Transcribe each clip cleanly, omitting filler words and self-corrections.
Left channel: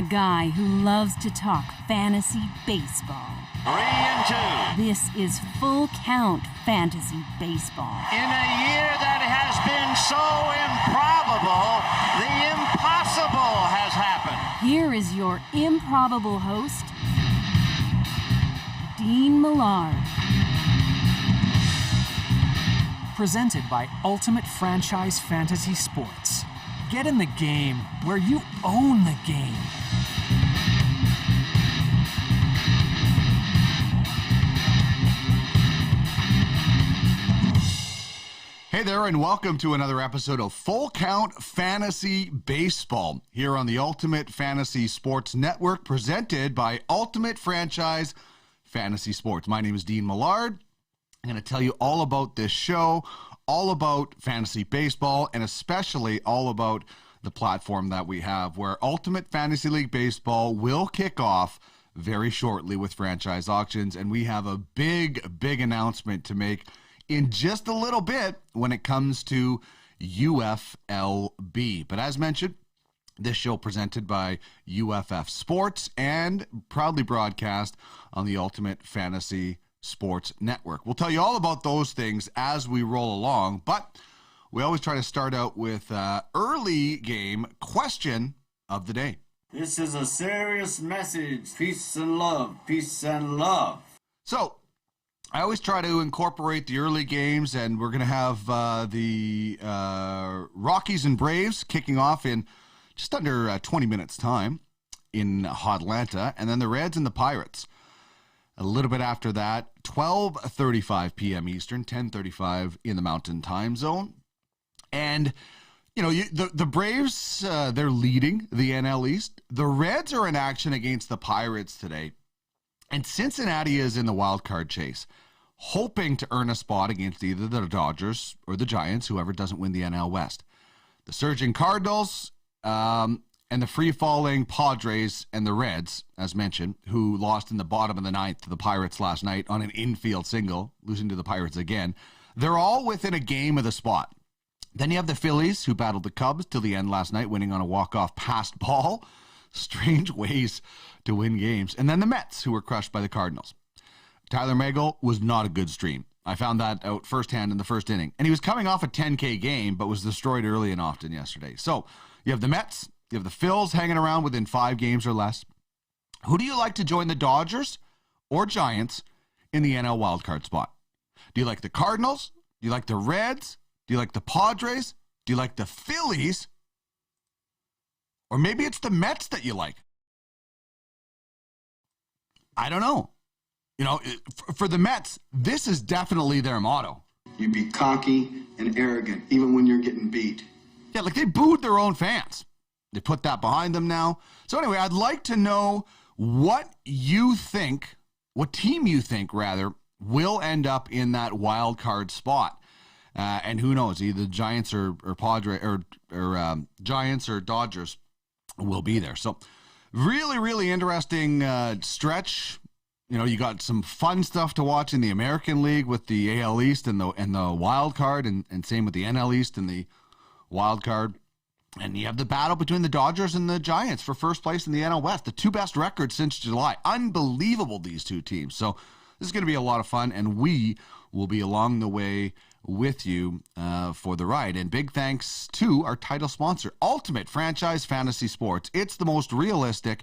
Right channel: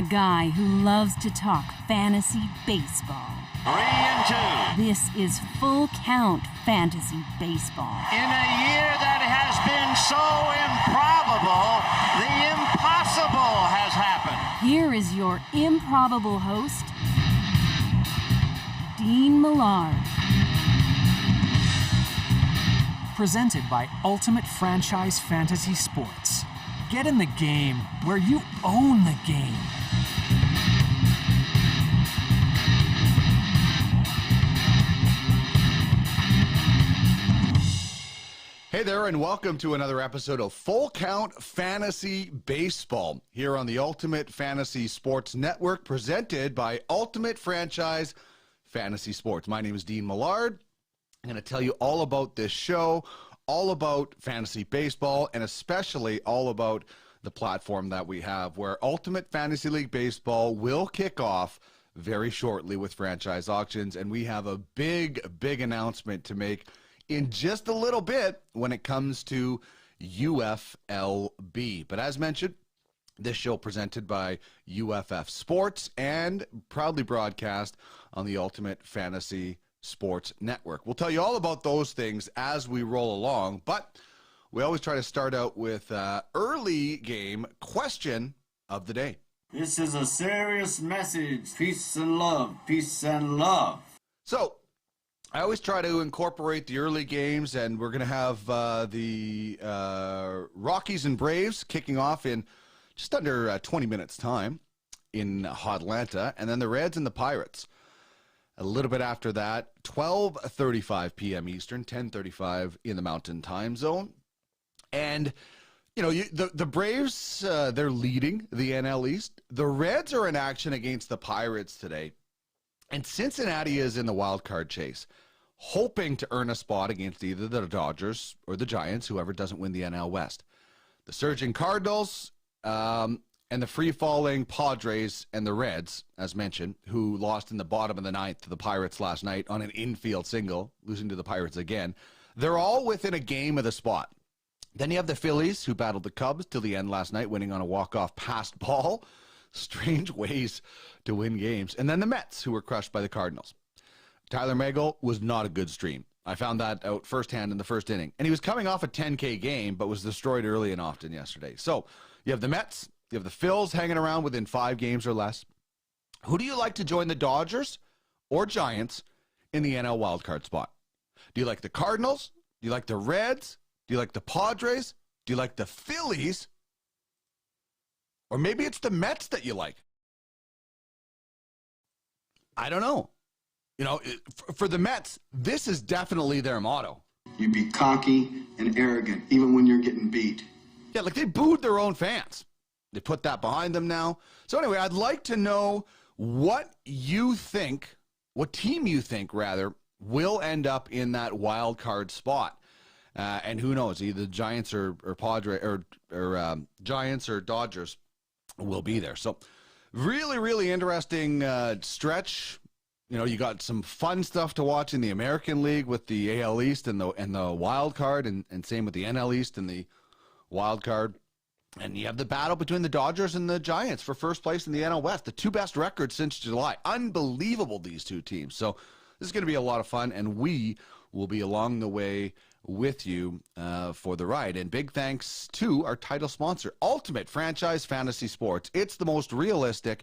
A guy who loves to talk fantasy baseball. 3-2. This is Full Count Fantasy Baseball. In a year that has been so improbable, the impossible has happened. Here is your improbable host, Dean Millard. Presented by Ultimate Franchise Fantasy Sports. Get in the game where you own the game. Hey there, and welcome to another episode of Full Count Fantasy Baseball here on the Ultimate Fantasy Sports Network, presented by Ultimate Franchise Fantasy Sports. My name is Dean Millard. I'm going to tell you all about this show, all about fantasy baseball, and especially all about the platform that we have, where Ultimate Fantasy League Baseball will kick off very shortly with franchise auctions, and we have a big announcement to make in just a little bit when it comes to UFLB. But as mentioned, this show presented by UFF Sports and proudly broadcast on the Ultimate Fantasy Sports Network. We'll tell you all about those things as we roll along, but we always try to start out with early game question of the day. This is a serious message. Peace and love. Peace and love. So, I always try to incorporate the early games, and we're going to have the Rockies and Braves kicking off in just under 20 minutes' time in Atlanta, and then the Reds and the Pirates. A little bit after that, 12:35 p.m. Eastern, 10:35 in the Mountain Time Zone. And, you know, the Braves, they're leading the NL East. The Reds are in action against the Pirates today. And Cincinnati is in the wild card chase, hoping to earn a spot against either the Dodgers or the Giants, whoever doesn't win the NL West. The surging Cardinals and the free-falling Padres and the Reds, as mentioned, who lost in the bottom of the ninth to the Pirates last night on an infield single, losing to the Pirates again. They're all within a game of the spot. Then you have the Phillies, who battled the Cubs till the end last night, winning on a walk-off passed ball. Strange ways to win games. And then the Mets, who were crushed by the Cardinals. Tyler Megill was not a good stream. I found that out firsthand in the first inning. And he was coming off a 10K game, but was destroyed early and often yesterday. So you have the Mets, you have the Phils hanging around within 5 games or less. Who do you like to join, the Dodgers or Giants, in the NL wildcard spot? Do you like the Cardinals? Do you like the Reds? Do you like the Padres? Do you like the Phillies? Or maybe it's the Mets that you like. I don't know. You know, for the Mets, this is definitely their motto. You be cocky and arrogant, even when you're getting beat. Yeah, like they booed their own fans. They put that behind them now. So anyway, I'd like to know what you think, what team you think, rather, will end up in that wild card spot. And who knows, either Giants or Padres or Giants or Dodgers will be there. So really interesting stretch. You know, you got some fun stuff to watch in the American League with the AL East and the wild card, and same with the NL East and the wild card. And you have the battle between the Dodgers and the Giants for first place in the NL West, the 2 best records since July. Unbelievable, these 2 teams. So this is going to be a lot of fun, and we will be along the way with you for the ride. And big thanks to our title sponsor, Ultimate Franchise Fantasy Sports. It's the most realistic,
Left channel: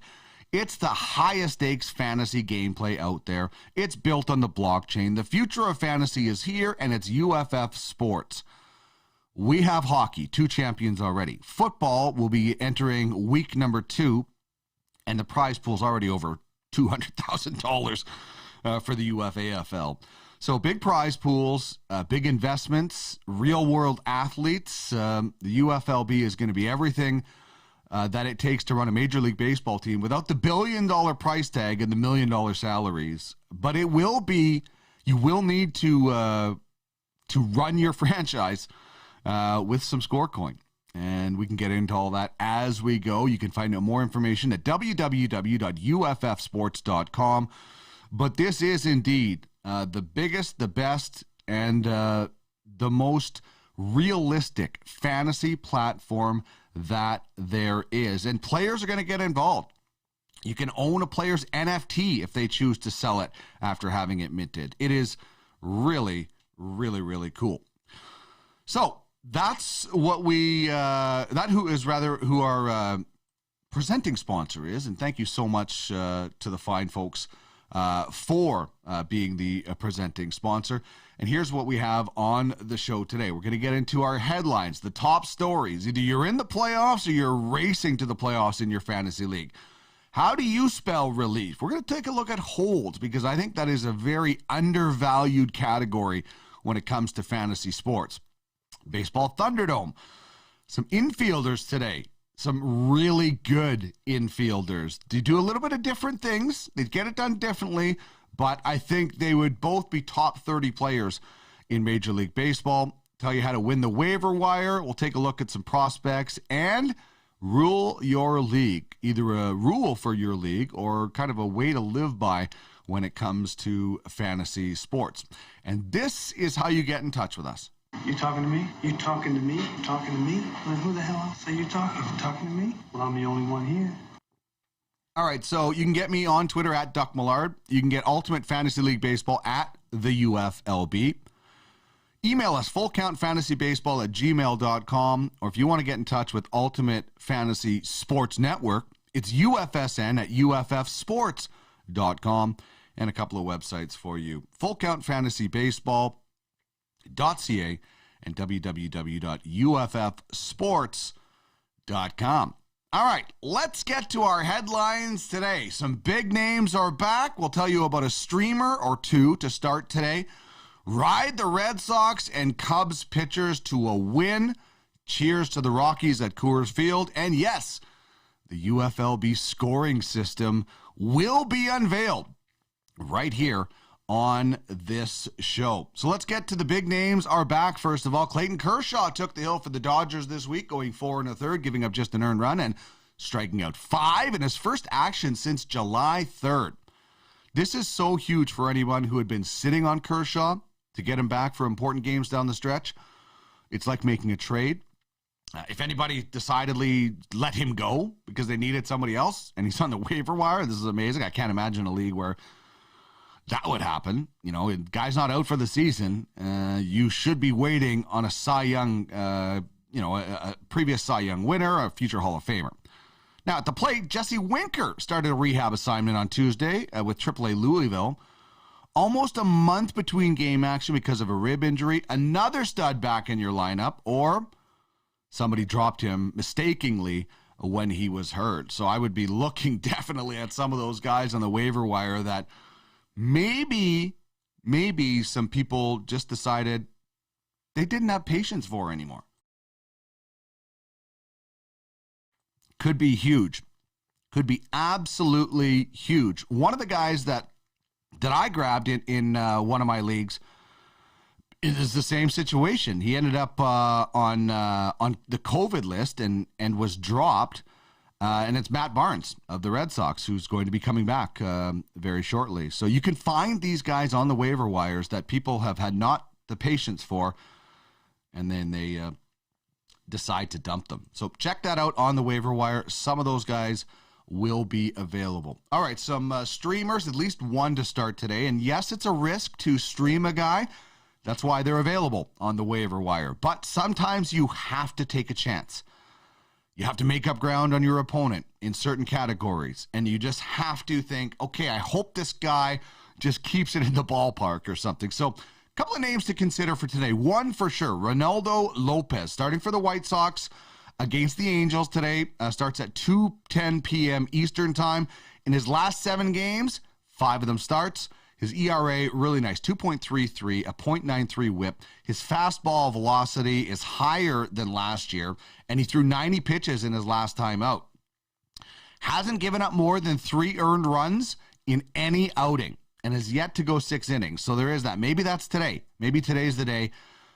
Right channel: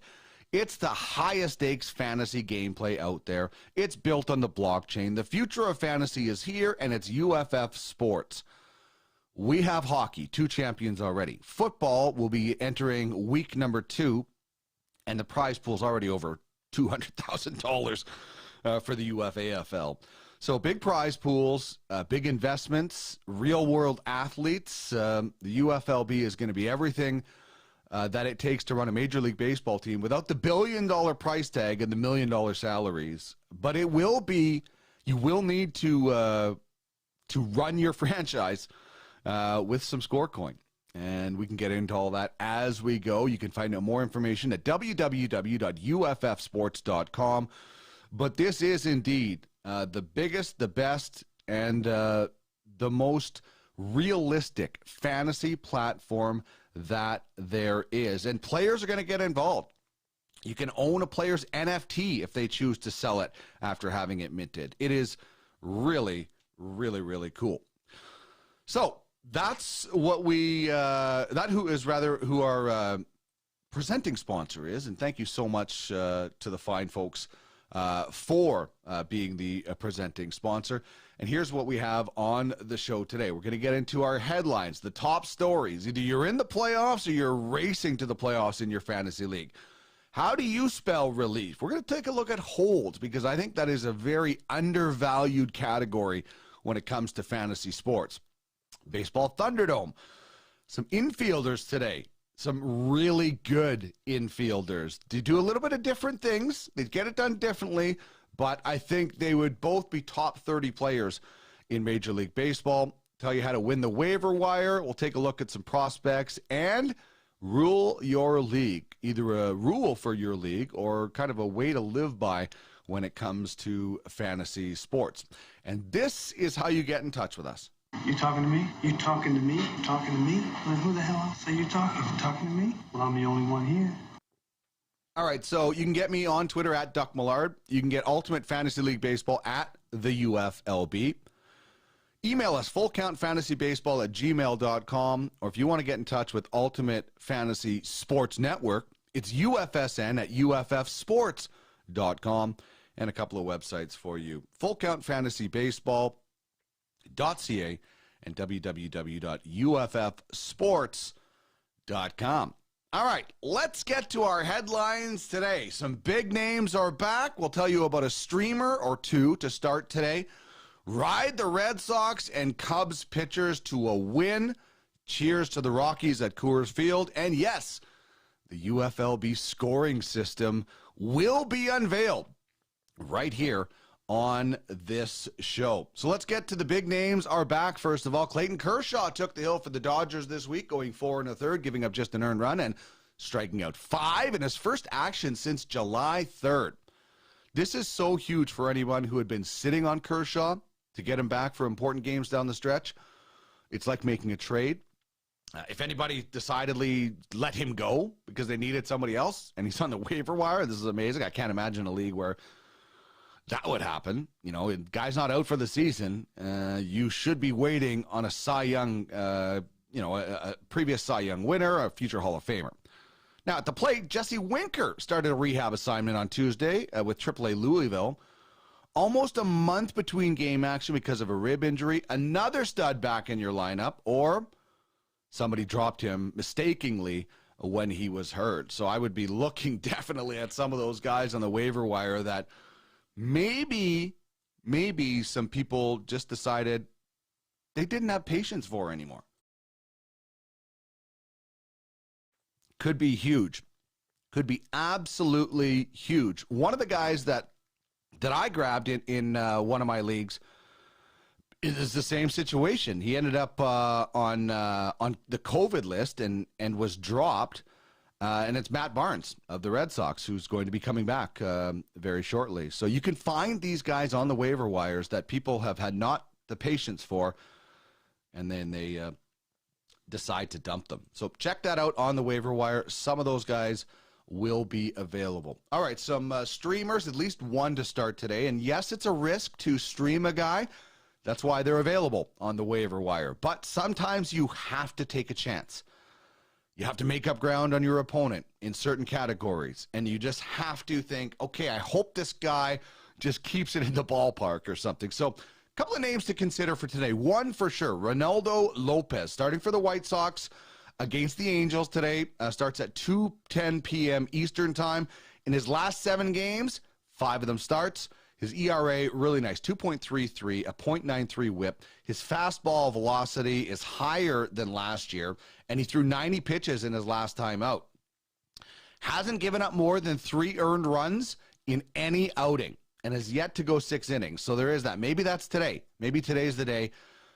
it's the highest stakes fantasy gameplay out there. It's built on the blockchain. The future of fantasy is here, and it's UFF Sports. We have hockey, 2 champions already. Football will be entering week number 2, and the prize pool is already over $200,000 for the UFAFL. So big prize pools, big investments, real-world athletes. The UFLB is going to be everything that it takes to run a Major League Baseball team without the billion-dollar price tag and the million-dollar salaries. But it will be, you will need to run your franchise with some score coin. And we can get into all that as we go. You can find out more information at www.uffsports.com. But this is indeed the biggest, the best, and the most realistic fantasy platform that there is. And players are going to get involved. You can own a player's NFT if they choose to sell it after having it minted. It is really, really, really cool. So that's what who our presenting sponsor is. And thank you so much to the fine folks for being the presenting sponsor. And here's what we have on the show today. We're going to get into our headlines, the top stories. Either you're in the playoffs or you're racing to the playoffs in your fantasy league. How do you spell relief? We're going to take a look at holds because I think that is a very undervalued category when it comes to fantasy sports. Baseball Thunderdome. Some infielders today. Some really good infielders. They do a little bit of different things. They get it done differently, but I think they would both be top 30 players in Major League Baseball. Tell you how to win the waiver wire. We'll take a look at some prospects and rule your league. Either a rule for your league or kind of a way to live by when it comes to fantasy sports. And this is how you get in touch with us. You talking to me? You talking to me? You talking to me? Well, who the hell else are you talking to? Talking to me? Well, I'm the only one here. All right, so you can get me on Twitter at Duck Millard. You can get Ultimate Fantasy League Baseball at the UFLB. Email us, fullcountfantasybaseball@gmail.com. Or if you want to get in touch with Ultimate Fantasy Sports Network, it's UFSN at uffsports.com. And a couple of websites for you. fullcountfantasybaseball.ca and www.uffsports.com. All right, let's get to our headlines today. Some big names are back. We'll tell you about a streamer or two to start today. Ride the Red Sox and Cubs pitchers to a win. Cheers to the Rockies at Coors Field. And yes, the UFLB scoring system will be unveiled right here on this show. So let's get to the big names are back. First of all, Clayton Kershaw took the hill for the Dodgers this week, going 4 1/3, giving up just an earned run and striking out 5 in his first action since July 3rd. This is so huge for anyone who had been sitting on Kershaw to get him back for important games down the stretch. It's like making a trade. If anybody decidedly let him go because they needed somebody else and he's on the waiver wire, this is amazing. I can't imagine a league where that would happen. You know, guy's not out for the season. You should be waiting on a Cy Young, a previous Cy Young winner, a future Hall of Famer. Now, at the plate, Jesse Winker started a rehab assignment on Tuesday with AAA Louisville. Almost a month between game action because of a rib injury. Another stud back in your lineup, or somebody dropped him mistakenly when he was hurt. So I would be looking definitely at some of those guys on the waiver wire that maybe some people just decided they didn't have patience for anymore. Could be huge. Could be absolutely huge. One of the guys that I grabbed in one of my leagues is the same situation. He ended up on the COVID list and was dropped. And it's Matt Barnes of the Red Sox, who's going to be coming back very shortly. So you can find these guys on the waiver wires that people have had not the patience for, and then they decide to dump them. So check that out on the waiver wire. Some of those guys will be available. All right, some streamers, at least one to start today. And yes, it's a risk to stream a guy. That's why they're available on the waiver wire. But sometimes you have to take a chance. You have to make up ground on your opponent in certain categories. And you just have to think, okay, I hope this guy just keeps it in the ballpark or something. So a couple of names to consider for today. One for sure, Ronaldo Lopez, starting for the White Sox against the Angels today. Starts at 2:10 p.m. Eastern time. In his last 7 games, 5 of them starts. His ERA, really nice, 2.33, a .93 whip. His fastball velocity is higher than last year, and he threw 90 pitches in his last time out. Hasn't given up more than 3 earned runs in any outing, and has yet to go 6 innings. So there is that. Maybe that's today. Maybe today's the day.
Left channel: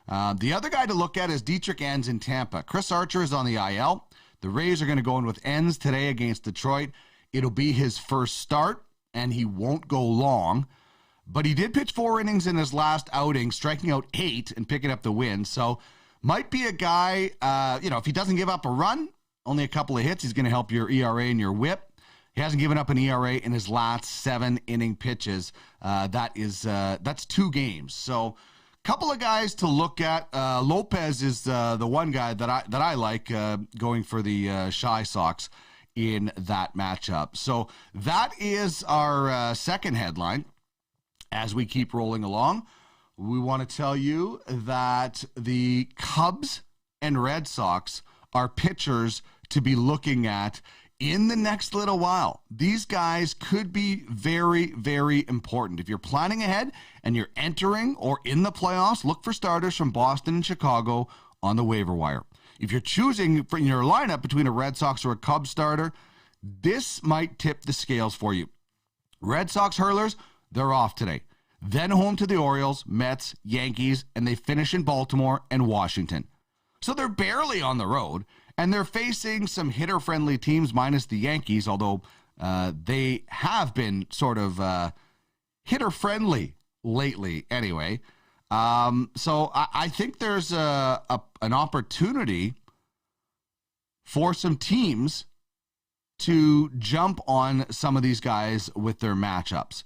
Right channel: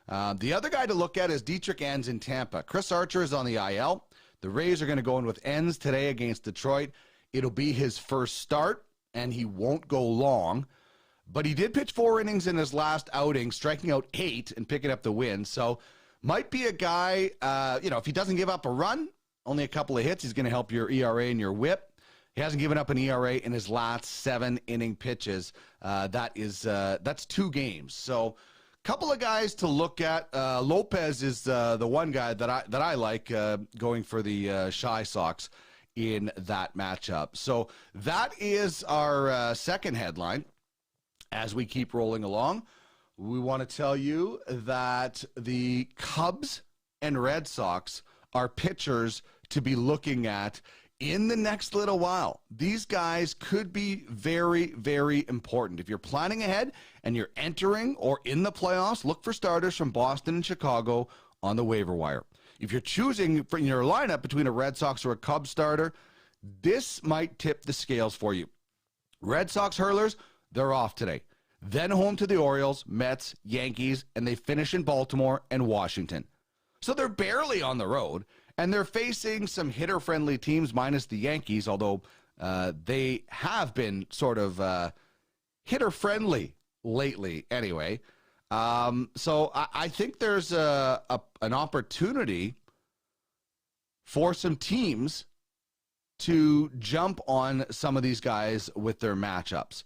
The other guy to look at is Dietrich Enns in Tampa. Chris Archer is on the IL. The Rays are going to go in with Enns today against Detroit. It'll be his first start, and he won't go long. But he did pitch 4 innings in his last outing, striking out 8 and picking up the win. So might be a guy, if he doesn't give up a run, only a couple of hits, he's going to help your ERA and your whip. He hasn't given up an ERA in his last 7 inning pitches. That's 2 games. So, couple of guys to look at. Lopez is the one guy that I like going for the Shy Sox in that matchup. So that is our second headline. As we keep rolling along, we want to tell you that the Cubs and Red Sox are pitchers to be looking at in the next little while. These guys could be very, very important. If you're planning ahead and you're entering or in the playoffs, look for starters from Boston and Chicago on the waiver wire. If you're choosing for your lineup between a Red Sox or a Cubs starter, this might tip the scales for you. Red Sox hurlers, they're off today. Then home to the Orioles, Mets, Yankees, and they finish in Baltimore and Washington. So they're barely on the road. And they're facing some hitter-friendly teams minus the Yankees, although they have been sort of hitter-friendly lately anyway. So I think there's an opportunity for some teams to jump on some of these guys with their matchups.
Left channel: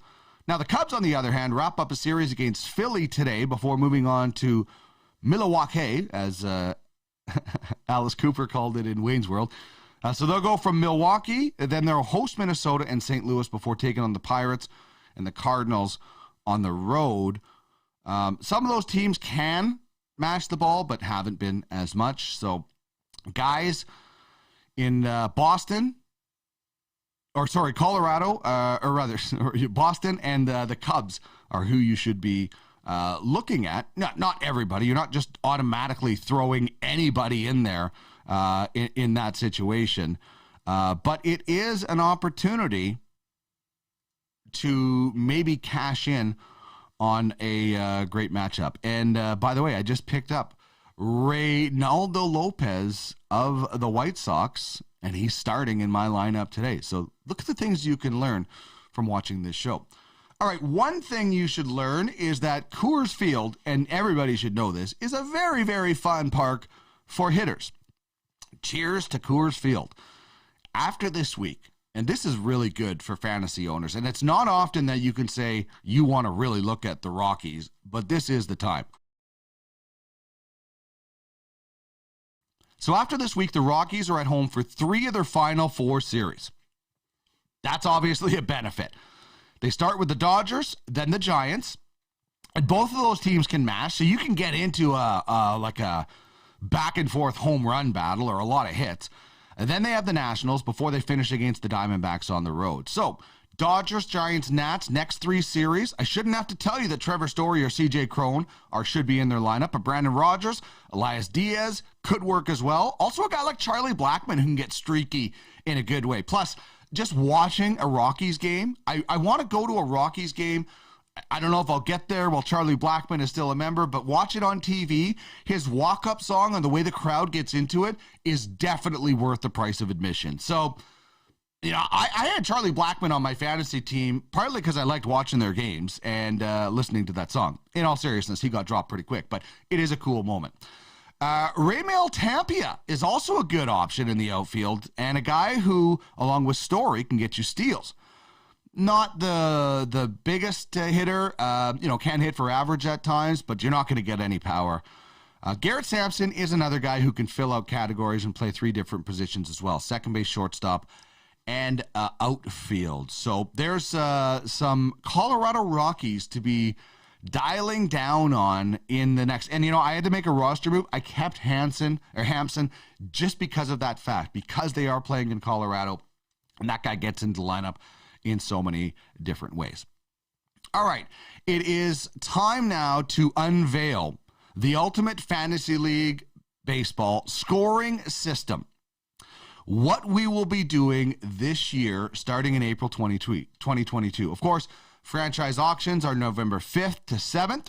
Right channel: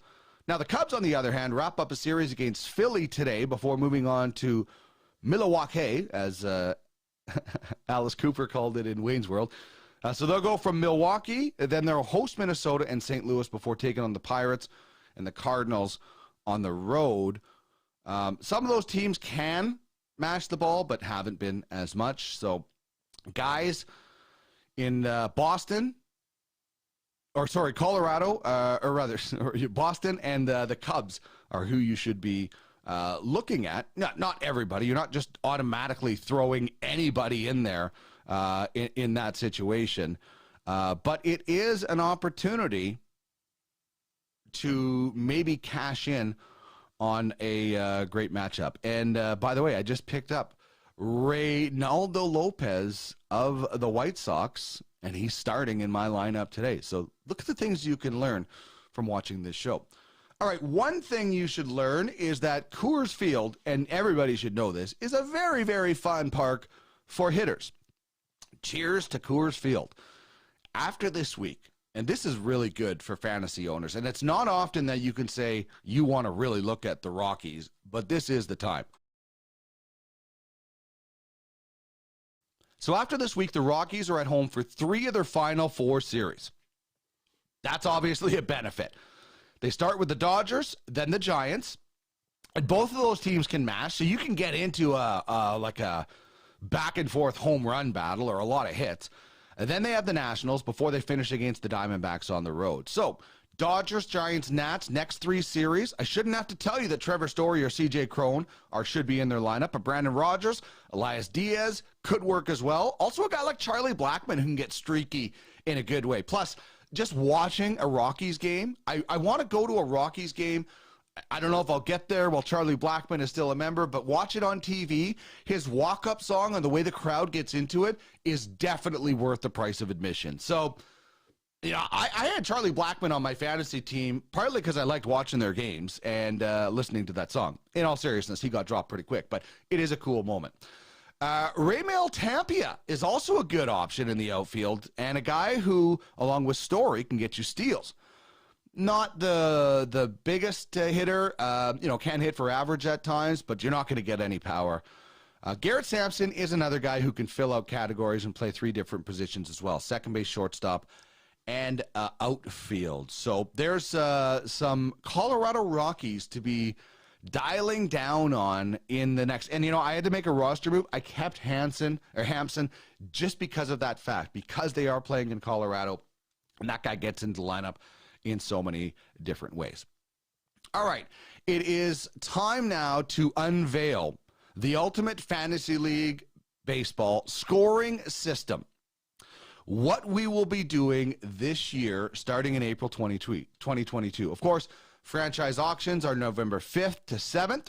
Now, the Cubs, on the other hand, wrap up a series against Philly today before moving on to Milwaukee, as Alice Cooper called it in Wayne's World. So they'll go from Milwaukee, then they'll host Minnesota and St. Louis before taking on the Pirates and the Cardinals on the road. Some of those teams can mash the ball, but haven't been as much. So guys in Colorado, or rather, Boston and the Cubs are who you should be looking at. Not everybody. You're not just automatically throwing anybody in there in that situation. But it is an opportunity to maybe cash in on a great matchup. And by the way, I just picked up Ronaldo Lopez of the White Sox, and he's starting in my lineup today. So look at the things you can learn from watching this show. All right, one thing you should learn is that Coors Field, and everybody should know this, is a very, very fun park for hitters. Cheers to Coors Field. After this week, and this is really good for fantasy owners, and it's not often that you can say you want to really look at the Rockies, but this is the time. So after this week, the Rockies are at home for 3 of their final 4 series. That's obviously a benefit. They start with the Dodgers, then the Giants, and both of those teams can mash, so you can get into a back-and-forth home run battle or a lot of hits. And then they have the Nationals before they finish against the Diamondbacks on the road. So, Dodgers, Giants, Nats, next 3 series. I shouldn't have to tell you that Trevor Story or CJ Cron should be in their lineup, but Brandon Rogers, Elias Diaz could work as well. Also a guy like Charlie Blackmon who can get streaky in a good way. Plus, just watching a Rockies game, I want to go to a Rockies game. I don't know if I'll get there while Charlie Blackmon is still a member, but watch it on TV. His walk-up song and the way the crowd gets into it is definitely worth the price of admission. So, you know, I had Charlie Blackmon on my fantasy team, partly because I liked watching their games and listening to that song. In all seriousness, he got dropped pretty quick, but it is a cool moment. Raymail Tampia is also a good option in the outfield, and a guy who, along with Story, can get you steals. Not the biggest hitter, can hit for average at times, but you're not going to get any power. Garrett Sampson is another guy who can fill out categories and play 3 different positions as well: second base, shortstop, and outfield. So there's some Colorado Rockies to be dialing down on in the next. And, I had to make a roster move. I kept Hampson just because of that fact, because they are playing in Colorado, and that guy gets into the lineup in so many different ways. All right, it is time now to unveil the Ultimate Fantasy League Baseball scoring system. What we will be doing this year, starting in April 2022. Of course, franchise auctions are November 5th to 7th.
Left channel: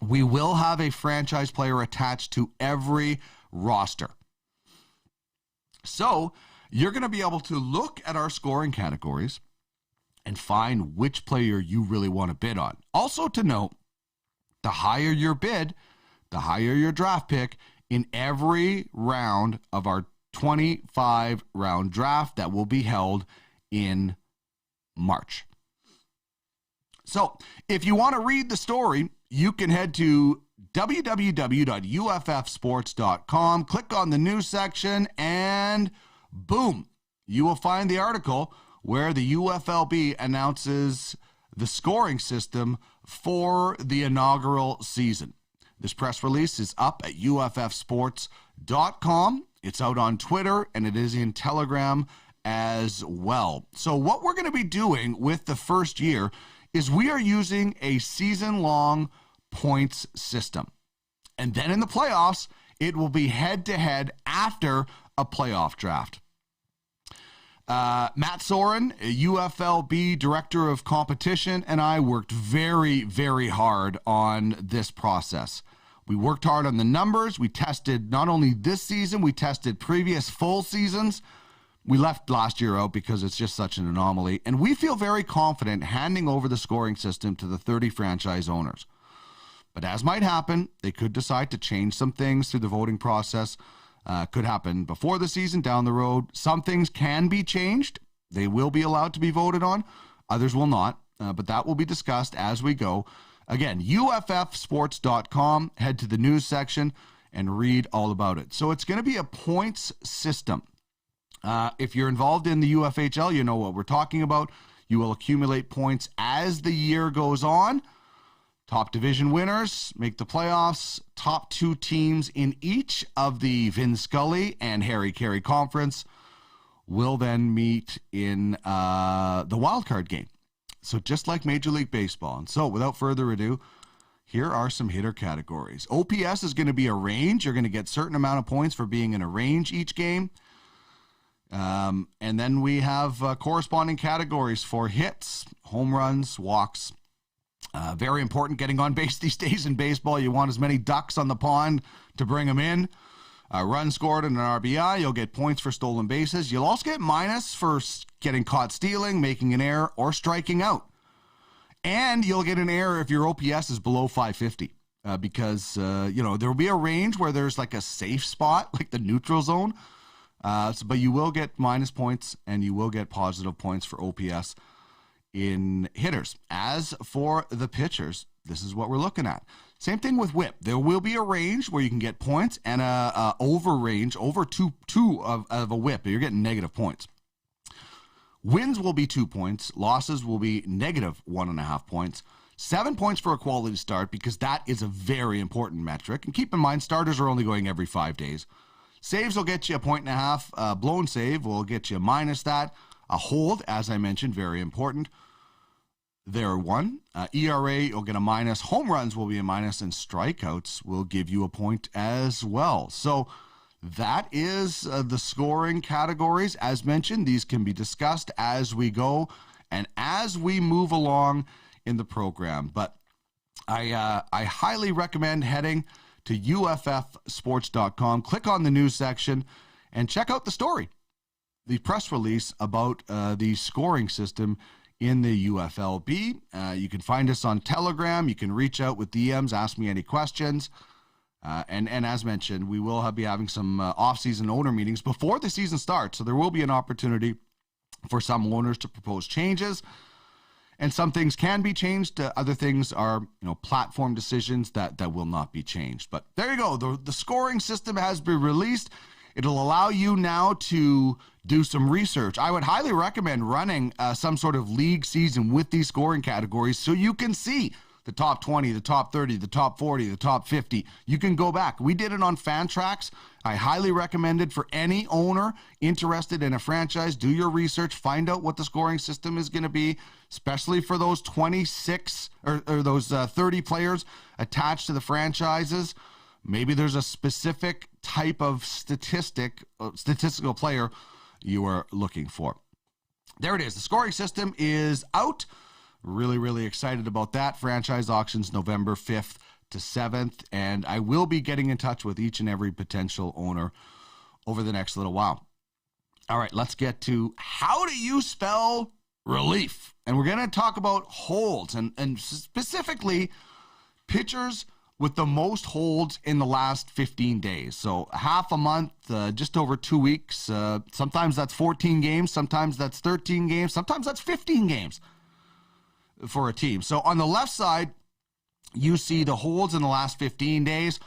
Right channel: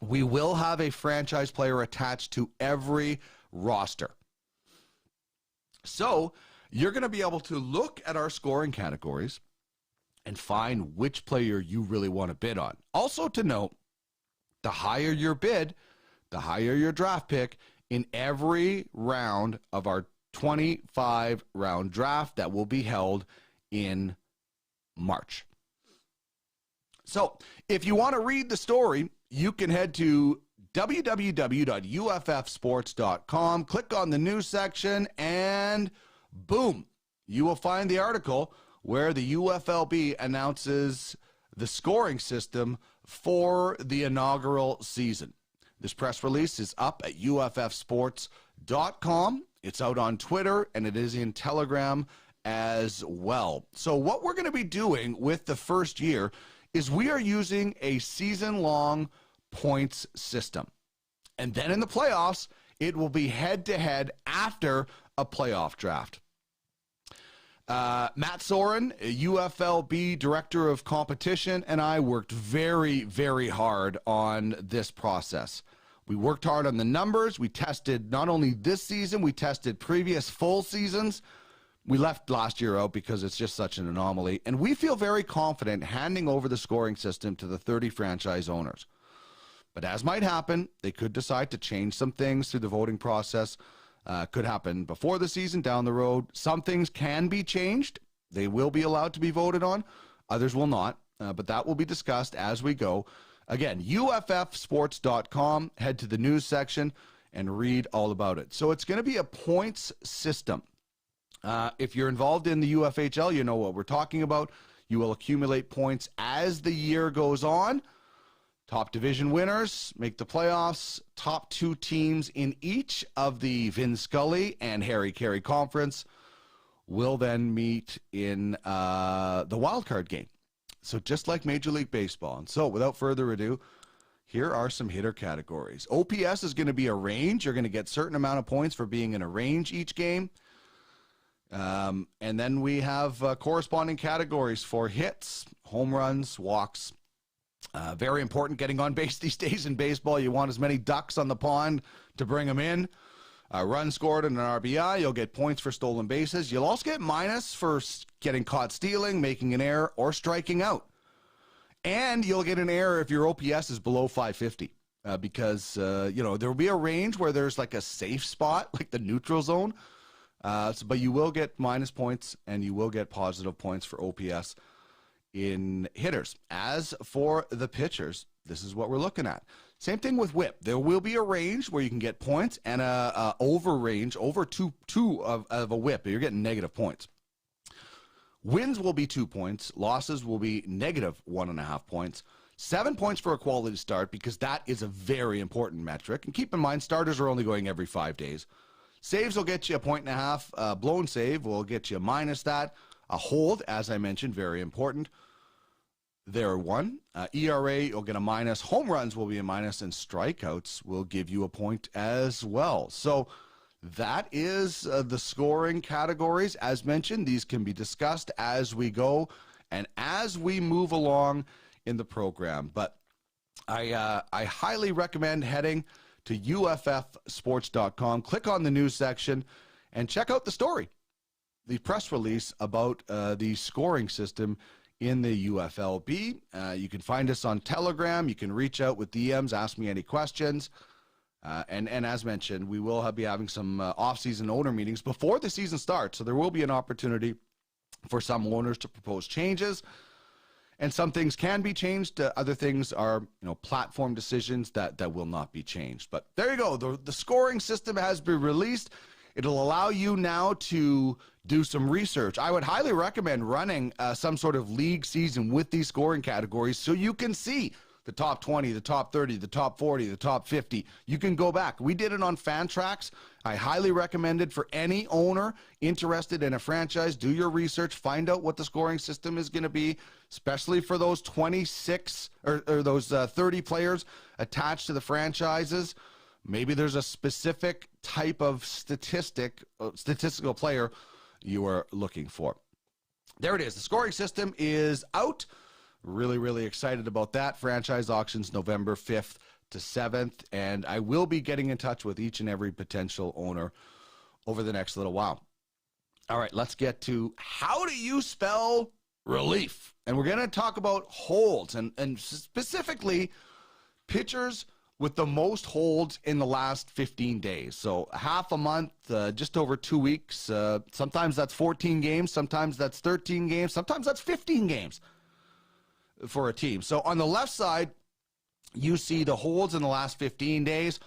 We will have a franchise player attached to every roster. So you're going to be able to look at our scoring categories and find which player you really want to bid on. Also to note, the higher your bid, the higher your draft pick in every round of our 25-round draft that will be held in March. So if you want to read the story, you can head to www.uffsports.com, click on the news section, and boom, you will find the article where the UFLB announces the scoring system for the inaugural season. This press release is up at uffsports.com. It's out on Twitter, and it is in Telegram as well. So what we're going to be doing with the first year is we are using a season-long points system. And then in the playoffs, it will be head-to-head after a playoff draft. Matt Soren, UFLB Director of Competition, and I worked very, very hard on this process. We worked hard on the numbers. We tested not only this season, we tested previous full seasons. We left last year out because it's just such an anomaly. And we feel very confident handing over the scoring system to the 30 franchise owners. But as might happen, they could decide to change some things through the voting process. Could happen before the season, down the road. Some things can be changed. They will be allowed to be voted on. Others will not. But that will be discussed as we go. Again, uffsports.com. Head to the news section and read all about it. So it's going to be a points system. If you're involved in the UFHL, you know what we're talking about. You will accumulate points as the year goes on. Top division winners make the playoffs. Top two teams in each of the Vin Scully and Harry Carey conference will then meet in the wildcard game. So just like Major League Baseball. And so without further ado, here are some hitter categories. OPS is going to be a range. You're going to get a certain amount of points for being in a range each game. And then we have corresponding categories for hits, home runs, walks. Very important getting on base these days in baseball. You want as many ducks on the pond to bring them in. Runs scored and an RBI. You'll get points for stolen bases. You'll also get minus for getting caught stealing, making an error, or striking out. And you'll get an error if your OPS is below 550. Because, there will be a range where there's like a safe spot, like the neutral zone. But you will get minus points and you will get positive points for OPS in hitters. As for the pitchers, this is what we're looking at. Same thing with whip. There will be a range where you can get points and a over range, over two of a whip. You're getting negative points. Wins will be 2 points. Losses will be negative 1.5 points. 7 points for a quality start because that is a very important metric. And keep in mind, starters are only going every 5 days. Saves will get you 1.5. Blown save will get you minus that. A hold, as I mentioned, very important. There 1. ERA, you'll get a minus. Home runs will be a minus, and strikeouts will give you a point as well. So that is the scoring categories. As mentioned, these can be discussed as we go and as we move along in the program. But I highly recommend heading to uffsports.com. Click on the news section and check out the story, the press release about the scoring system in the UFLB. You can find us on Telegram. You can reach out with DMs, ask me any questions. And as mentioned, we will be having some off-season owner meetings before the season starts. So there will be an opportunity for some owners to propose changes. And some things can be changed. Other things are, platform decisions that will not be changed. But there you go. The scoring system has been released. It'll allow you now to do some research. I would highly recommend running some sort of league season with these scoring categories so you can see the top 20, the top 30, the top 40, the top 50. You can go back. We did it on Fantrax. I highly recommend it for any owner interested in a franchise. Do your research. Find out what the scoring system is going to be, especially for those 26 or those 30 players attached to the franchises. Maybe there's a specific type of statistical player you are looking for. There it is. The scoring system is out. Really, really excited about that. Franchise auctions November 5th to 7th. And I will be getting in touch with each and every potential owner over the next little while. All right, let's get to how do you spell relief? And we're going to talk about holds and specifically pitchers with the most holds in the last 15 days. So half a month, just over 2 weeks. Sometimes that's 14 games. Sometimes that's 13 games. Sometimes that's 15 games for a team. So on the left side, you see the holds in the last 15 days.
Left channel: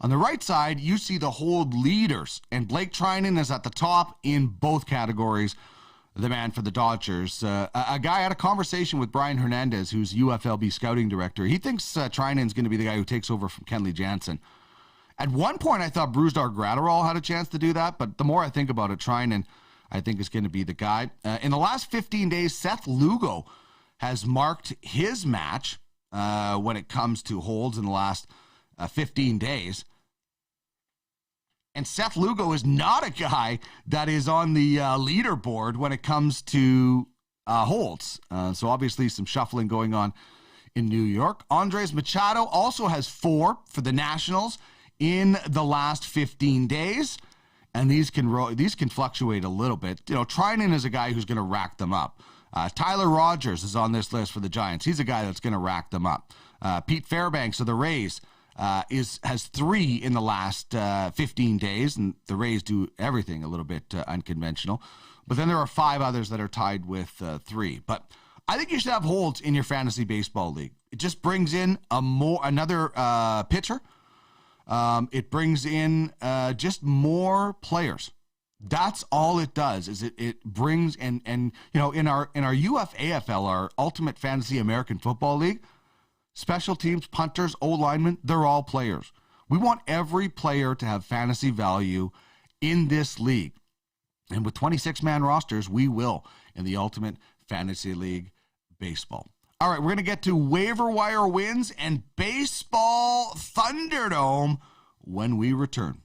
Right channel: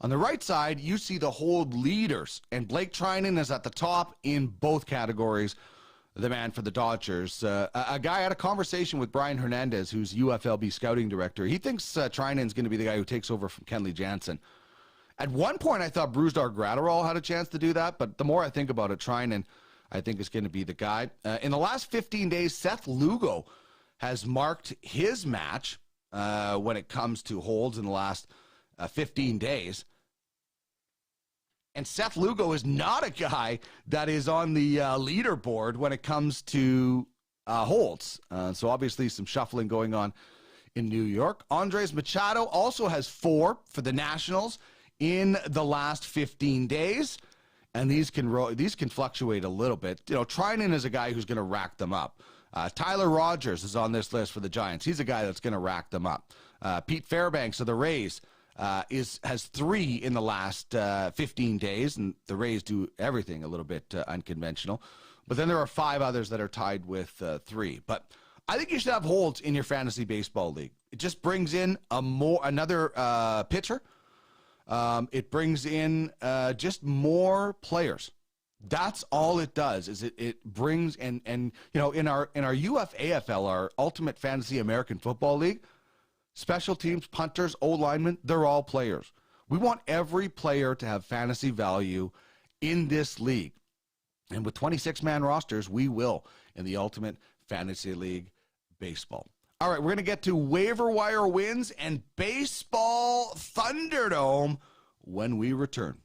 On the right side, you see the hold leaders. And Blake Treinen is at the top in both categories, the man for the Dodgers. A guy had a conversation with Brian Hernandez, who's UFLB scouting director. He thinks Treinen's going to be the guy who takes over from Kenley Jansen. At one point, I thought Brusdar Graterol had a chance to do that, but the more I think about it, Treinen, I think, is going to be the guy. In the last 15 days, Seth Lugo has marked his match when it comes to holds in the last 15 days. And Seth Lugo is not a guy that is on the leaderboard when it comes to holds. So obviously some shuffling going on in New York. Andres Machado also has 4 for the Nationals in the last 15 days. And these can fluctuate a little bit. You know, Treinen is a guy who's going to rack them up. Tyler Rogers is on this list for the Giants. He's a guy that's going to rack them up. Pete Fairbanks of the Rays has 3 in the last 15 days, and the Rays do everything a little bit unconventional. But then there are 5 others that are tied with 3. But I think you should have holds in your fantasy baseball league. It just brings in another pitcher. It brings in just more players. That's all it does. Is it brings and you know, in our UFAFL, our Ultimate Fantasy American Football League, special teams, punters, O-linemen, they're all players. We want every player to have fantasy value in this league. And with 26-man rosters, we will in the Ultimate Fantasy League Baseball. All right, we're going to get to waiver wire wins and Baseball Thunderdome when we return.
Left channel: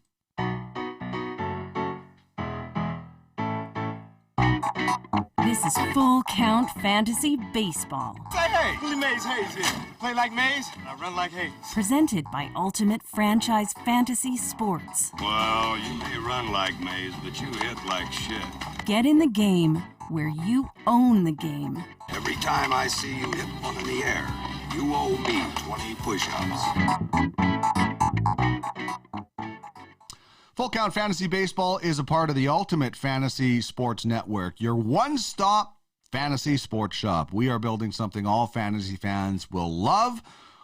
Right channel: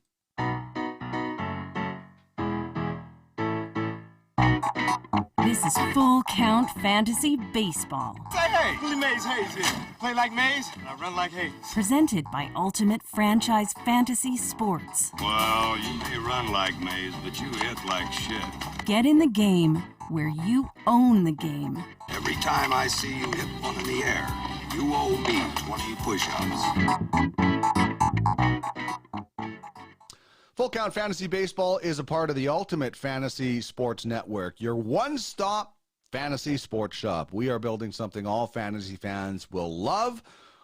This is Full Count Fantasy Baseball. Say hey, Willie Mays Hayes here. Play like Mays, and I run like Hayes. Presented by Ultimate Franchise Fantasy Sports. Well, you may run like Mays, but you hit like shit. Get in the game where you own the game. Every time I see you hit one in the air, you owe me 20 push-ups. Full Count Fantasy Baseball is a part of the Ultimate Fantasy Sports Network, your one-stop fantasy sports shop. We are building something all fantasy fans will love.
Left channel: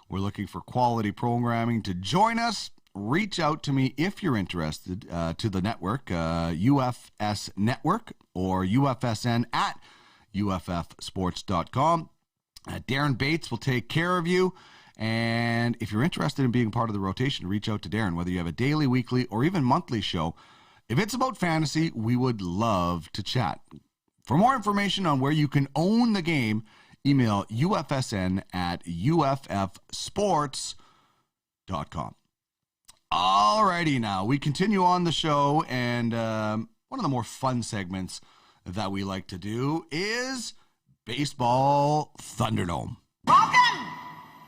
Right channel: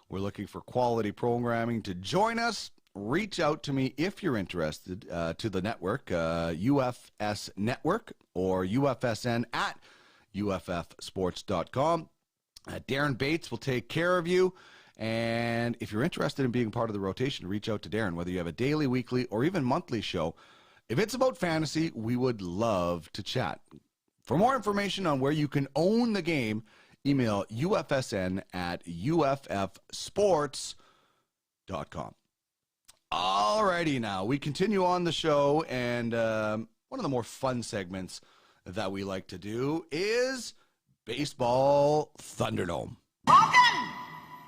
We're looking for quality programming to join us. Reach out to me if you're interested to the network, UFS Network or UFSN at UFFsports.com. Darren Bates will take care of you. And if you're interested in being part of the rotation, reach out to Darren, whether you have a daily, weekly, or even monthly show. If it's about fantasy, we would love to chat. For more information on where you can own the game, email UFSN at UFFsports.com. Alrighty, now we continue on the show, and one of the more fun segments that we like to do is Baseball Thunderdome. Welcome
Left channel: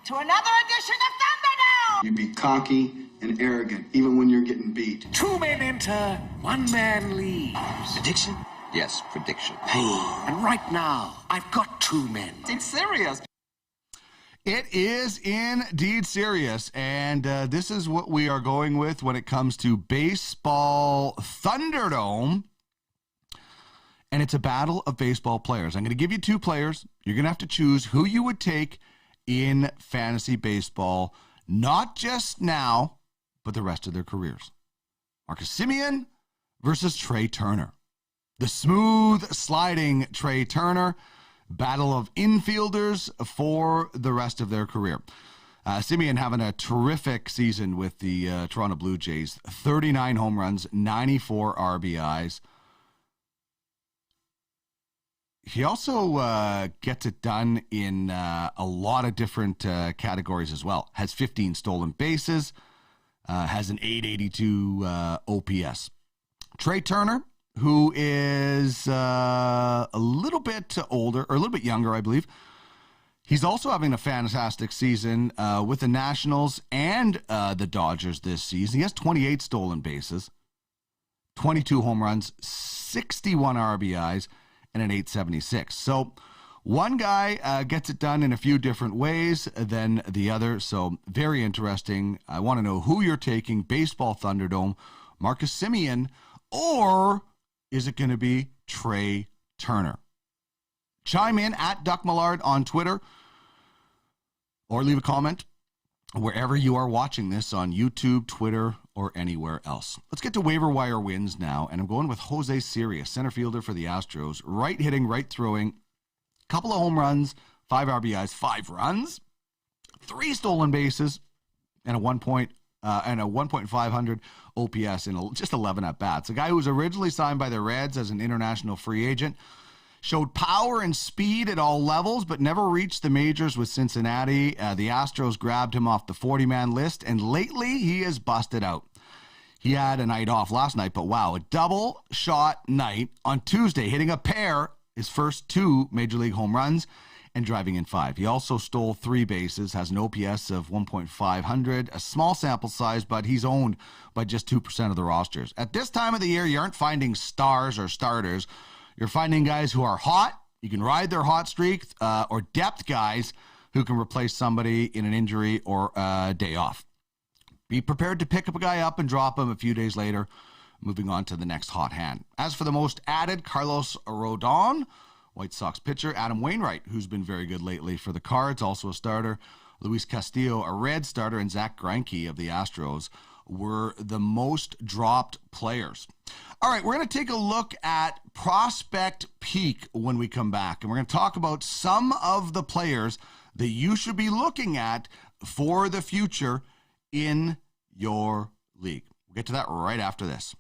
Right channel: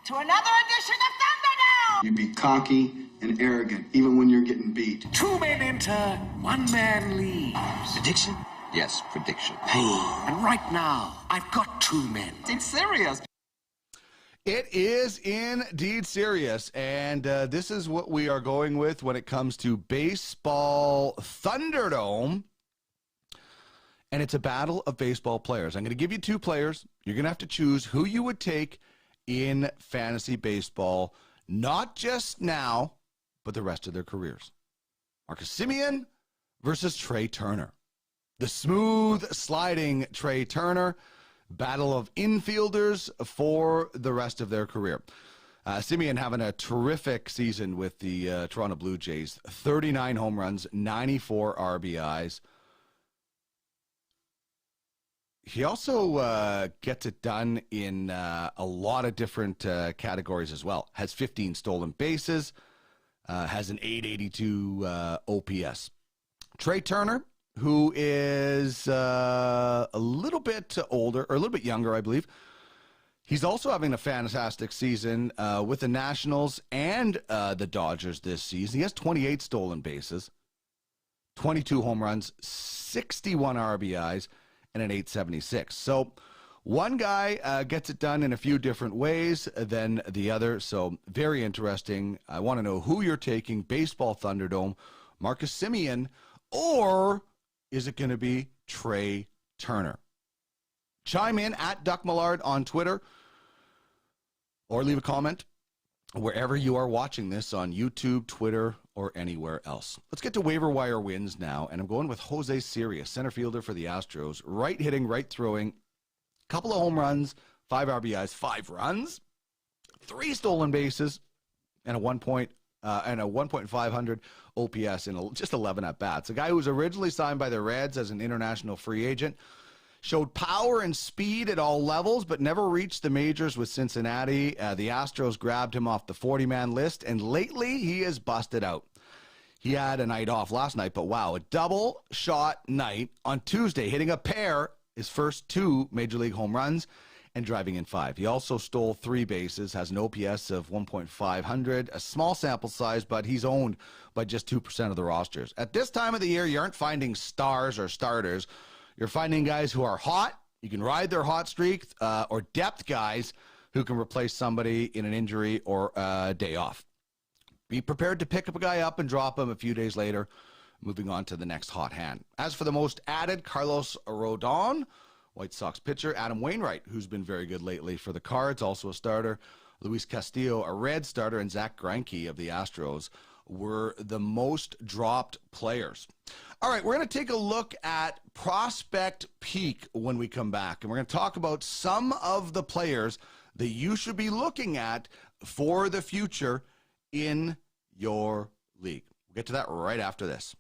to another edition of Thunderdome! You be cocky and arrogant, even when you're getting beat. 2 men enter, 1 man leaves. Prediction? Yes, prediction. Pain. And right now, I've got 2 men. It's serious. It is indeed serious, and this is what we are going with when it comes to Baseball Thunderdome. And it's a battle of baseball players. I'm going to give you 2 players. You're going to have to choose who you would take in fantasy baseball, not just now, but the rest of their careers. Kasimian versus Trey Turner. The smooth sliding Trey Turner, battle of infielders for the rest of their career. Kasimian having a terrific season with the Toronto Blue Jays. 39 home runs, 94 RBIs. He also gets it done in a lot of different categories as well. Has 15 stolen bases, has an 882 OPS. Trey Turner, who is a little bit older, or a little bit younger, I believe. He's also having a fantastic season with the Nationals and the Dodgers this season. He has 28 stolen bases, 22 home runs, 61 RBIs, and an 876. So One guy gets it done in a few different ways than the other, so very interesting. I want to know who you're taking, Baseball Thunderdome, Kasimian, or is it going to be Trey Turner? Chime in at Duck Millard on Twitter or leave a comment wherever you are watching this on YouTube, Twitter, or anywhere else. Let's get to waiver wire wins now, and I'm going with Jose Sirius, center fielder for the Astros. Right hitting, right throwing, couple of home runs, 5 RBIs, 5 runs, 3 stolen bases, and a 1.500 OPS in just 11 at-bats. A guy who was originally signed by the Reds as an international free agent, showed power and speed at all levels, but never reached the majors with Cincinnati. The Astros grabbed him off the 40-man list, and lately he is busted out. He had a night off last night, but wow, a double shot night on Tuesday, hitting a pair, his first 2 Major League home runs, and driving in 5. He also stole 3 bases, has an OPS of 1.500, a small sample size, but he's owned by just 2% of the rosters. At this time of the year, you aren't finding stars or starters. You're finding guys who are hot, you can ride their hot streak, or depth guys who can replace somebody in an injury or a day off. Be prepared to pick up a guy up and drop him a few days later, moving on to the next hot hand. As for the most added, Carlos Rodon, White Sox pitcher, Adam Wainwright, who's been very good lately for the Cards, also a starter, Luis Castillo, a Red starter, and Zach Greinke of the Astros were the most dropped players. All right, we're going to take a look at Prospect Peak when we come back, and we're going to talk about some of the players that you should be looking at for the future in your league. We'll get to that right after this.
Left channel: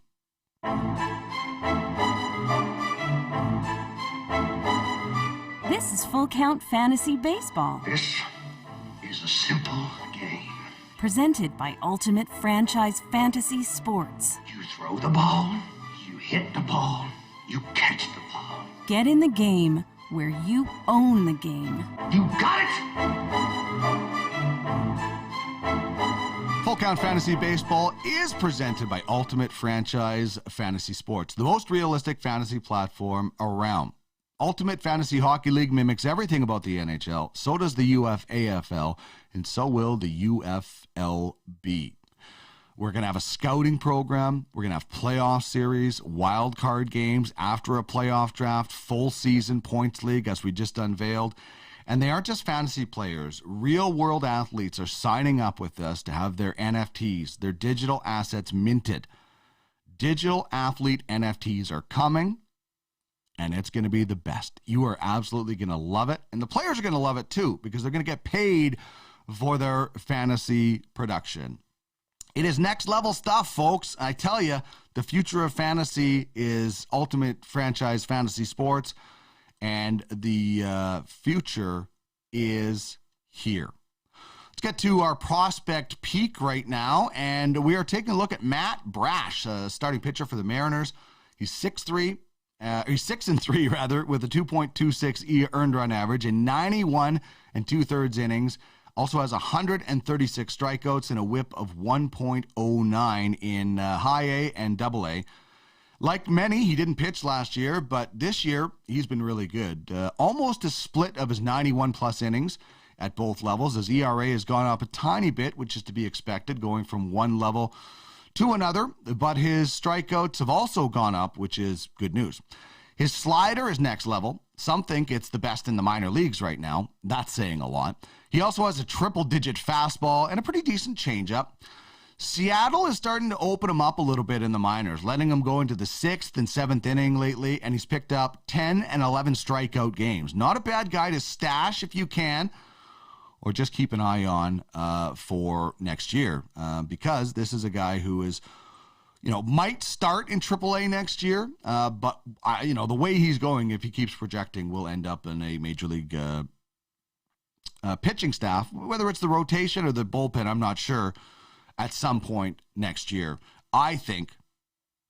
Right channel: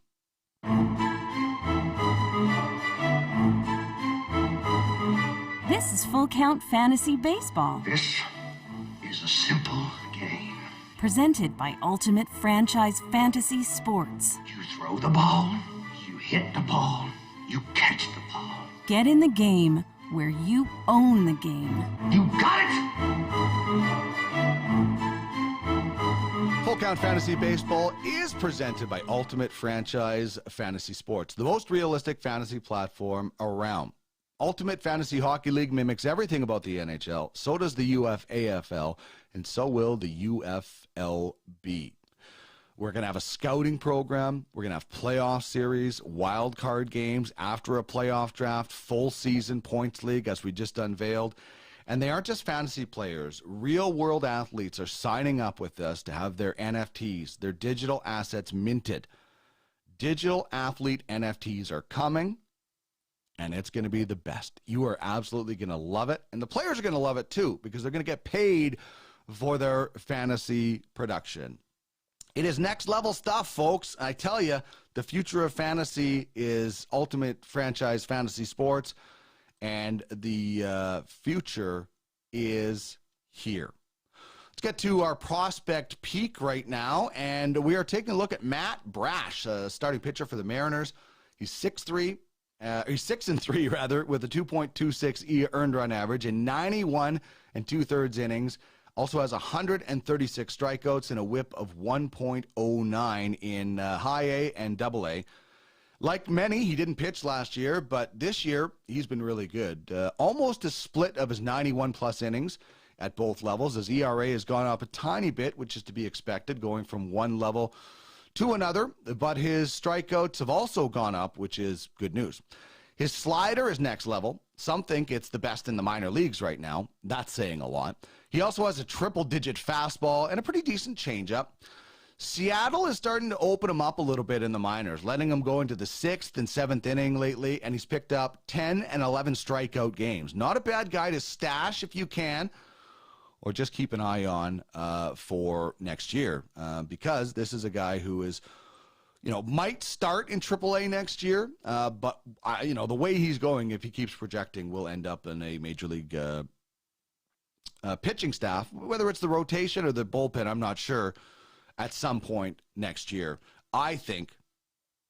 This is Full Count Fantasy Baseball. This is a simple game. Presented by Ultimate Franchise Fantasy Sports. You throw the ball, you hit the ball, you catch the ball. Get in the game where you own the game. You got it! Full Count Fantasy Baseball is presented by Ultimate Franchise Fantasy Sports, the most realistic fantasy platform around. Ultimate Fantasy Hockey League mimics everything about the NHL. So does the UFAFL, and so will the UFLB. We're going to have a scouting program. We're going to have playoff series, wild card games after a playoff draft, full season points league, as we just unveiled. And they aren't just fantasy players. Real world athletes are signing up with us to have their NFTs, their digital assets minted. Digital athlete NFTs are coming, and it's going to be the best. You are absolutely going to love it. And the players are going to love it too, because they're going to get paid for their fantasy production. It is next level stuff, folks. I tell you, the future of fantasy is Ultimate Franchise Fantasy Sports, and the future is here. Let's get to our prospect peak right now, and we are taking a look at Matt Brash, starting pitcher for the Mariners. He's 6'3", he's 6-3 rather, with a 2.26 earned run average in 91 2/3 innings. Also has 136 strikeouts and a whip of 1.09 in high A and double A. Like many, he didn't pitch last year, but this year he's been really good. Almost a split of his 91-plus innings at both levels. His ERA has gone up a tiny bit, which is to be expected, going from one level to another. But his strikeouts have also gone up, which is good news. His slider is next level. Some think it's the best in the minor leagues right now. That's saying a lot. He also has a triple-digit fastball and a pretty decent changeup. Seattle is starting to open him up a little bit in the minors, letting him go into the 6th and 7th inning lately, and he's picked up 10 and 11 strikeout games. Not a bad guy to stash if you can, or just keep an eye on for next year, because this is a guy who is, might start in AAA next year, but the way he's going, if he keeps projecting, will end up in a major league pitching staff, whether it's the rotation or the bullpen, I'm not sure, at some point next year. I think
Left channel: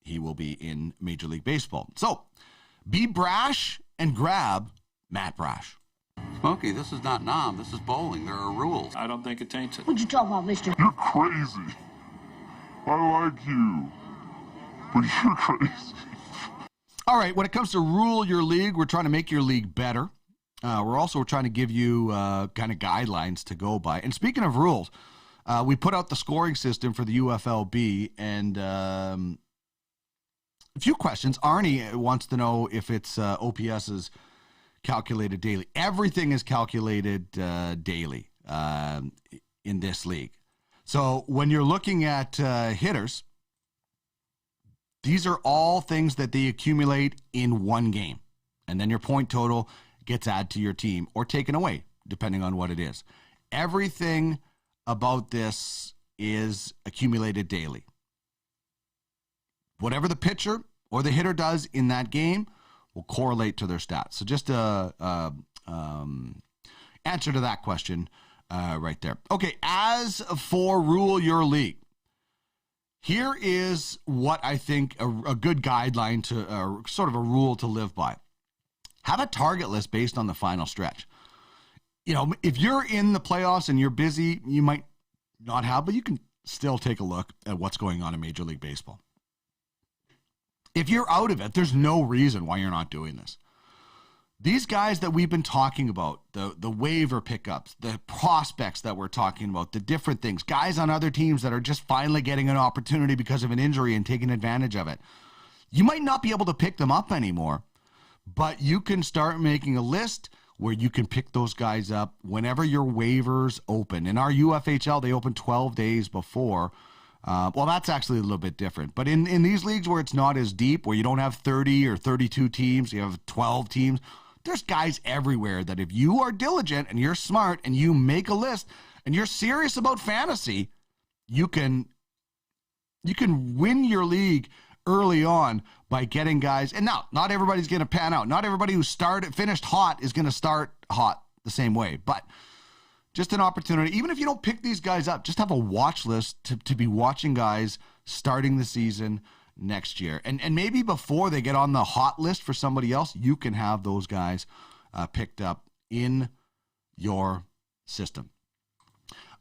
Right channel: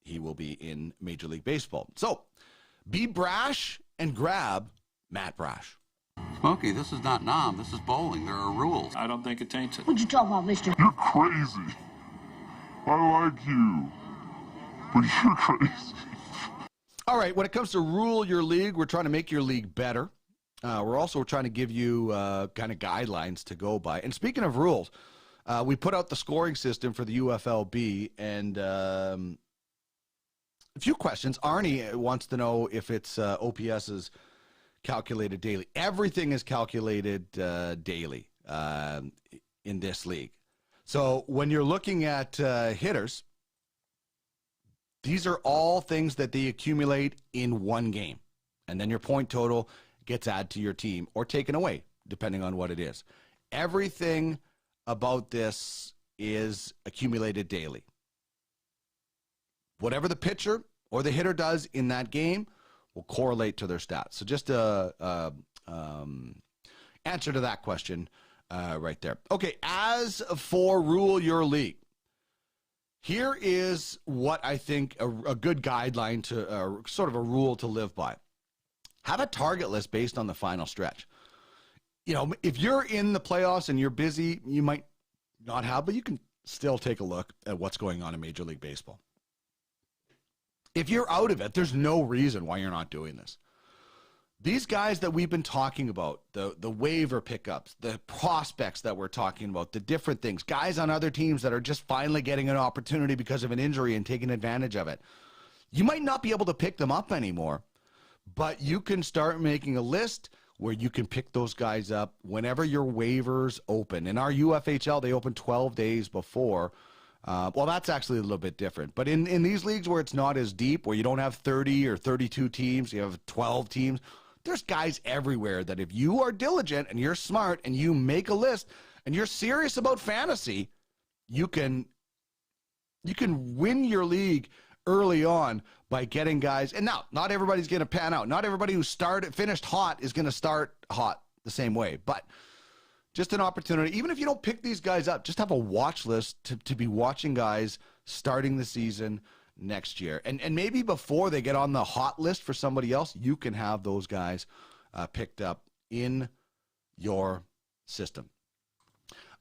he will be in Major League Baseball. So, be brash and grab Matt Brash. Smokey, this is not Nam. This is bowling. There are rules. I don't think it taints it. What you talking about, mister? You're crazy. I like you, but you're crazy. All right, when it comes to rule your league, we're trying to make your league better. we're also trying to give you kind of guidelines to go by. And speaking of rules, we put out the scoring system for the UFLB, and a few questions. Arnie wants to know if it's OPS is calculated daily. Everything is calculated daily in this league. So when you're looking at hitters, these are all things that they accumulate in one game. And then your point total gets added to your team or taken away, depending on what it is. Everything about this is accumulated daily. Whatever the pitcher or the hitter does in that game will correlate to their stats. So just a answer to that question right there. Okay, as for Rule Your League, here is what I think a good guideline to sort of a rule to live by. Have a target list based on the final stretch. You know, if you're in the playoffs and you're busy, you might not have, but you can still take a look at what's going on in Major League Baseball. If you're out of it, there's no reason why you're not doing this. These guys that we've been talking about, the waiver pickups, the prospects that we're talking about, the different things, guys on other teams that are just finally getting an opportunity because of an injury and taking advantage of it. You might not be able to pick them up anymore, but you can start making a list where you can pick those guys up whenever your waivers open. In our UFHL, they open 12 days before. Well, that's actually a little bit different. But in these leagues where it's not as deep, where you don't have 30 or 32 teams, you have 12 teams, there's guys everywhere that if you are diligent and you're smart and you make a list and you're serious about fantasy, you can win your league early on by getting guys. And now, not everybody's going to pan out. Not everybody who finished hot is going to start hot the same way. But just an opportunity, even if you don't pick these guys up, just have a watch list to be watching guys starting the season next year. And maybe before they get on the hot list for somebody else, you can have those guys picked up in your system.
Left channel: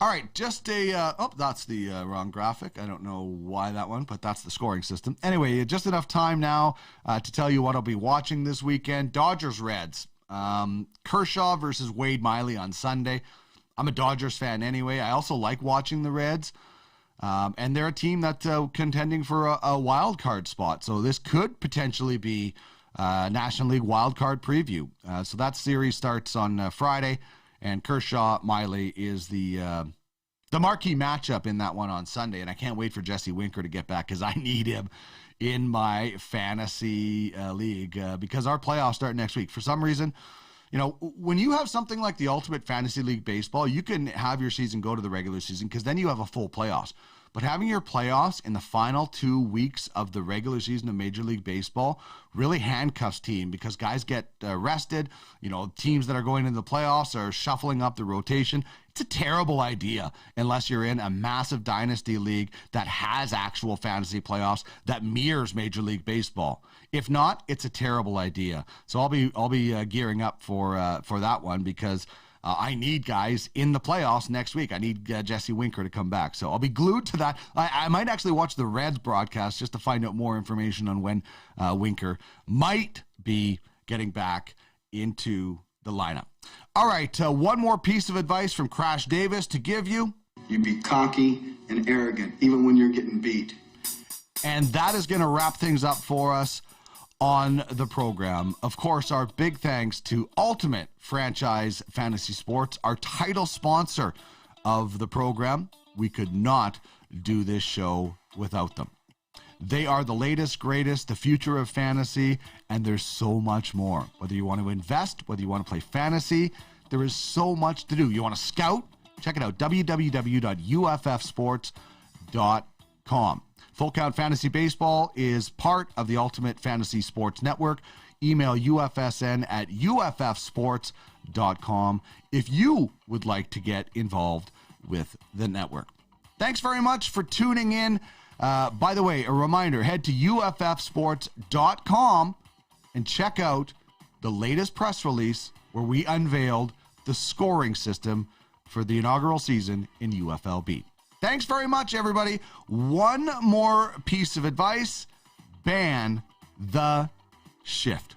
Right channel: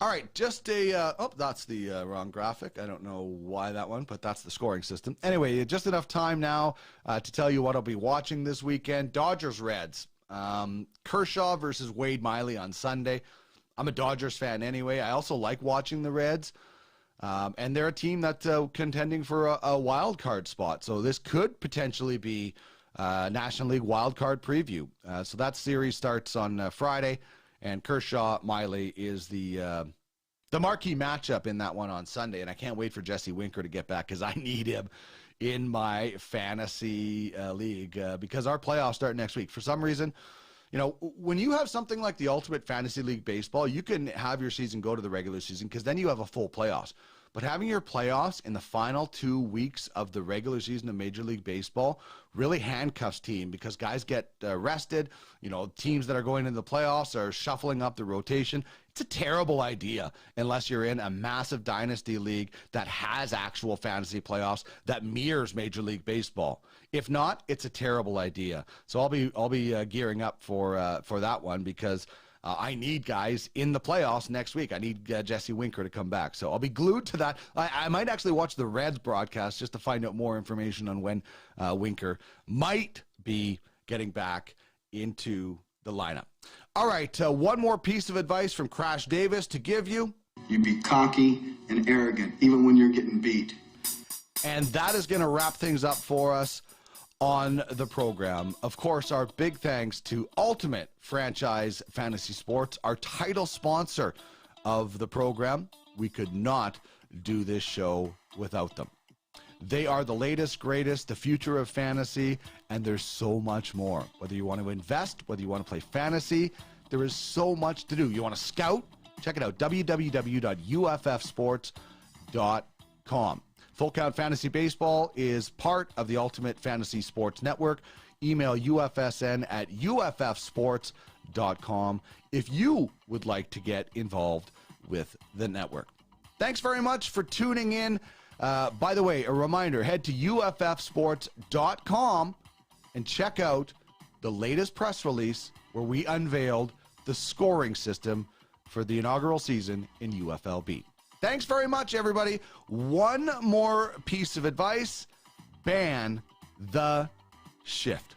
All right, just that's the wrong graphic. I don't know why that one, but that's the scoring system. Anyway, just enough time now to tell you what I'll be watching this weekend. Dodgers-Reds. Kershaw versus Wade Miley on Sunday. I'm a Dodgers fan anyway. I also like watching the Reds. And they're a team that's contending for a wild card spot. So this could potentially be National League wild card preview. So that series starts on Friday, and Kershaw-Miley is the marquee matchup in that one on Sunday. And I can't wait for Jesse Winker to get back because I need him in my fantasy league because our playoffs start next week. For some reason, you know, when you have something like the Ultimate Fantasy League Baseball, you can have your season go to the regular season because then you have a full playoffs. But having your playoffs in the final 2 weeks of the regular season of Major League Baseball really handcuffs team because guys get rested. You know, teams that are going into the playoffs are shuffling up the rotation. It's a terrible idea unless you're in a massive dynasty league that has actual fantasy playoffs that mirrors Major League Baseball. If not, it's a terrible idea. So I'll be gearing up for that one because I need guys in the playoffs next week. I need Jesse Winker to come back. So I'll be glued to that. I might actually watch the Reds broadcast just to find out more information on when Winker might be getting back into the lineup. All right, one more piece of advice from Crash Davis to give you. You be cocky and arrogant, even when you're getting beat. And that is going to wrap things up for us on the program. Of course, our big thanks to Ultimate Franchise Fantasy Sports, our title sponsor of the program. We could not do this show without them. They are the latest, greatest, the future of fantasy, and there's so much more. Whether you want to invest, whether you want to play fantasy, there is so much to do. You want to scout? Check it out, www.uffsports.com. Full Count Fantasy Baseball is part of the Ultimate Fantasy Sports Network. Email ufsn@uffsports.com if you would like to get involved with the network. Thanks very much for tuning in. By the way, a reminder, head to uffsports.com and check out the latest press release where we unveiled the scoring system for the inaugural season in UFLB. Thanks very much, everybody. One more piece of advice: ban the shift.